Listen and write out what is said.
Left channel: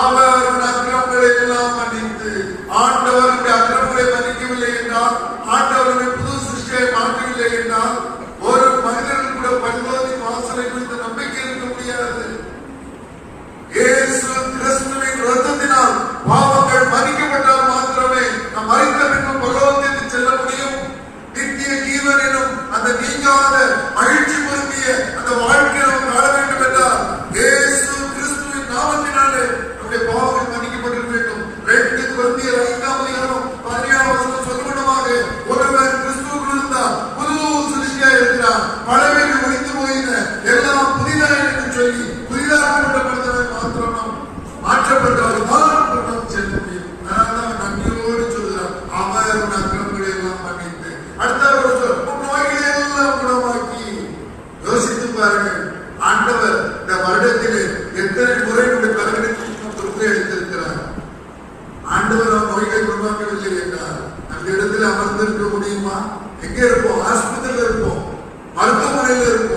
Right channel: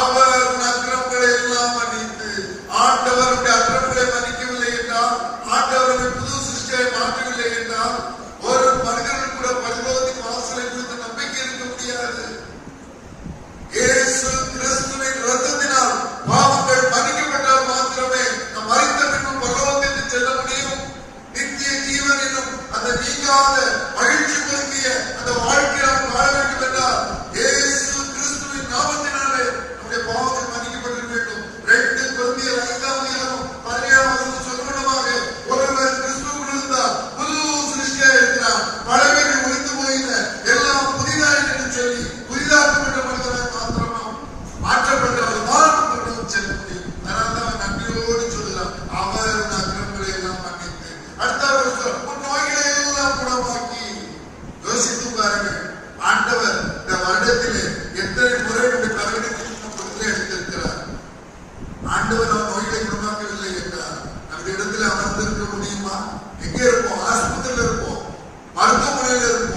அவர் அக்கிரமங்களை எல்லாம் மன்னித்து, ஆண்டவருடைய அக்கிரமங்களை மன்னிக்கவில்லை என்றால், ஆண்டவருடைய புது சிருஷ்டியை மாற்றவில்லை என்றால், ஒரு மனிதனுக்கு கூட பரிலோகத்தின் வாசலை குறித்து நம்பிக்கை இருக்க முடியாது. இயேசு கிறிஸ்துவின் இரத்தத்தினால் பாவங்கள் மன்னிக்கப்பட்டால் மாத்திரமே நாம் மரித்த பின்பு பரலோகத்திற்கு செல்ல முடியும். நித்திய ஜீவன் எனும் அந்த நீங்காத மகிழ்ச்சி பொருந்திய அந்த வாழ்க்கையை நாம் வாழ வேண்டும் என்றால் இயேசு கிறிஸ்துவின் நாமத்தினாலே நம்முடைய பாவங்கள் மன்னிக்கப்பட்டிருக்க வேண்டும். 2 கொரிந்தியர் 5:17 சொல்லுவதாக, ஒருவன் கிறிஸ்துவுக்குள் இருந்தால் புது சிருஷ்டியாக இருக்கிறான், பழையவைகள் ஒழிந்து போயின, எல்லாம் புதிதாக என்று சொல்லி புதிதாக்கப்பட்டவர்கள் மாத்திரம் நாம் மாற்றப்பட்டவர்கள் தான் செல்ல முடியும். அதனால நன்றியோடு சொல்லுகிறார், அவர் அக்கிரமங்களை எல்லாம் மன்னித்து. அடுத்த நோய்களை எல்லாம் குணமாக்கி. யோசித்து பாருங்கள், ஆண்டவர் இந்த வருடத்திலே எத்தனை முறை கருவிடத்தில் எடுத்திருக்கிறார். ஆண்டவர் அவர் நோய்களை குணமாக்கவில்லை என்றார் அந்த இடத்துல அமர்ந்திருக்க முடியுமா? எங்கே இருப்போம்? ஆஸ்பத்திரியில் இருப்போம், மருத்துவமனையில் இருப்போம்.